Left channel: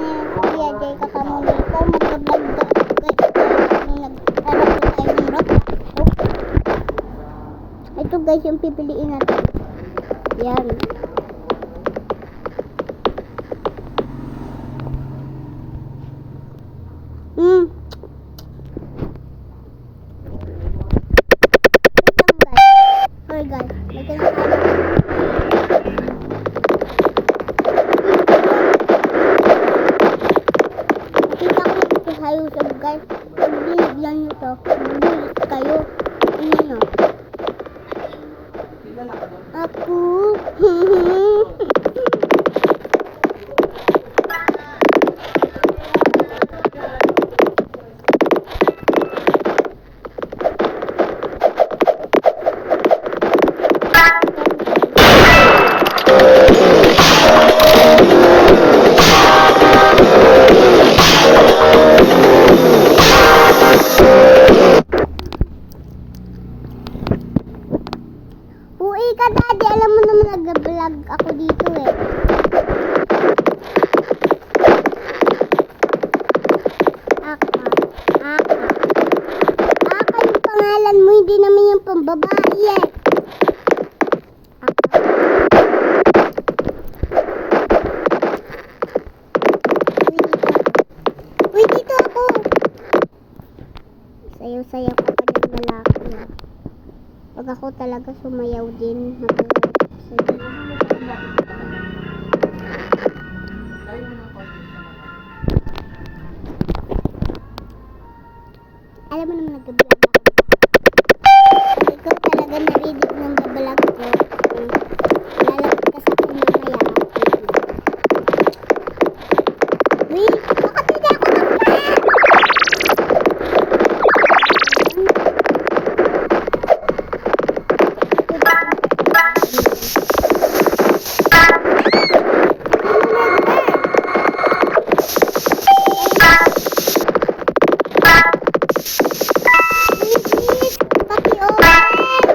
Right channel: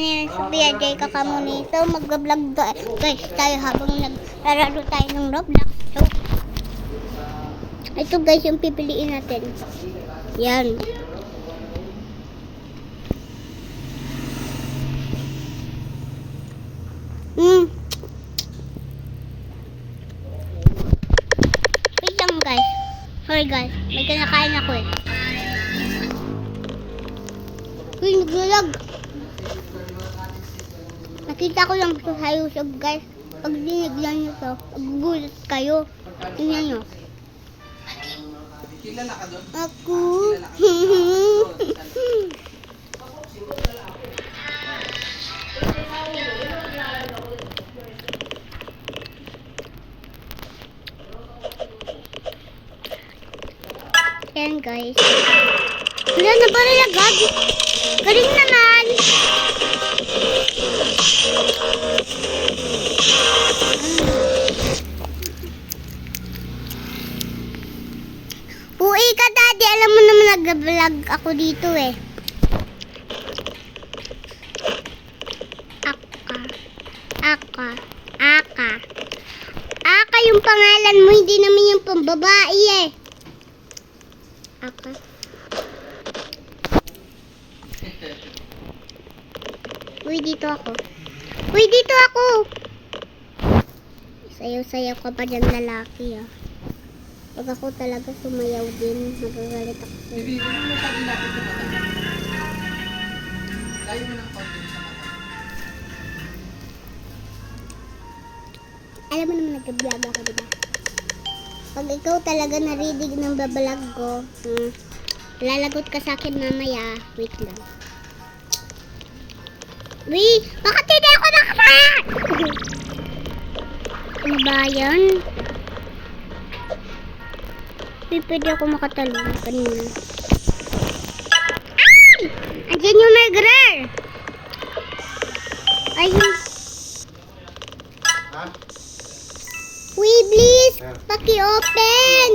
nila si Kuya Jay Kakamonito. Mag-vlog guys tayo habang naglalaro tayo ng Roblox. Ito guys yung pipiliin natin. Yan. Wait lang guys. Sorry guys. May kinakain ako. Nagbulag. Nakita ko lang ito sa YouTube guys. Pag binigyan nyo to, bubulat kayo. Tingnan nyo. Ako. Yan guys. Uy ka daddy, alam mo naman nag-vlog ako dito eh. Aka yung pangalan mo, hindi naman yung pambabae eh. Uy, dito ako. Uy, dito ako. Sayaw-sayaw ka pa dyan lalaki ah. Pag ako talaga sumayaw din, magagalit ako. Alam mo naman nag-vlog ako, diba? Pag ikaw talaga narinig ng babalag ko, lalagot ka sa akin mamaya. Wait lang. Wait, bakit hindi ako nag-vlog? Ano ba yan? Pwede ako makatalong. Ganun. Ayan yung nag-rare. Ayun. Uy, please. Paki-open.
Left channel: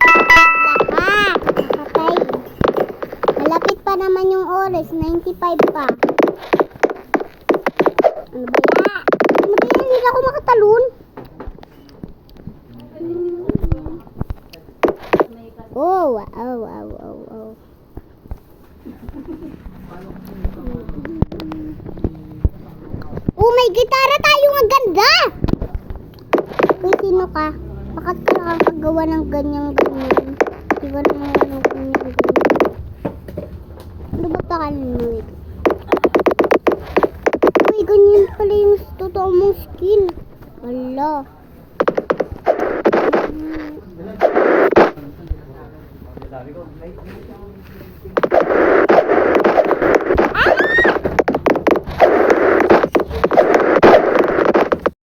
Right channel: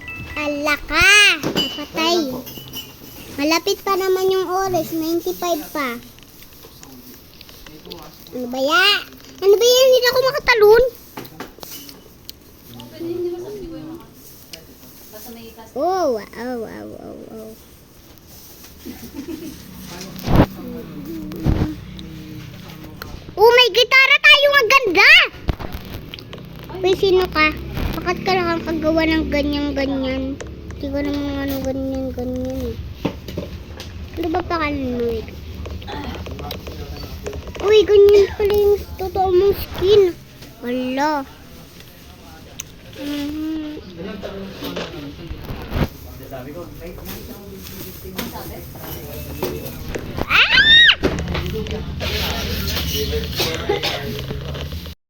Hala ka. Napatay. Malapit pa naman yung oras. 95 pa. Ano ba yan? Ano ba yan? Hindi ako makatalon. Oh, wow, wow, wow, wow. Oh, may gitara tayo, ang ganda! Uy, sino ka? Bakit ka nakakagawa ng ganyan-ganyan? Hindi ko naman ano ganyan-ganyan eh. Ano ba pakalan mo eh? Uy, ganyan pala yung totoo mong skin. Wala. Sabi ko,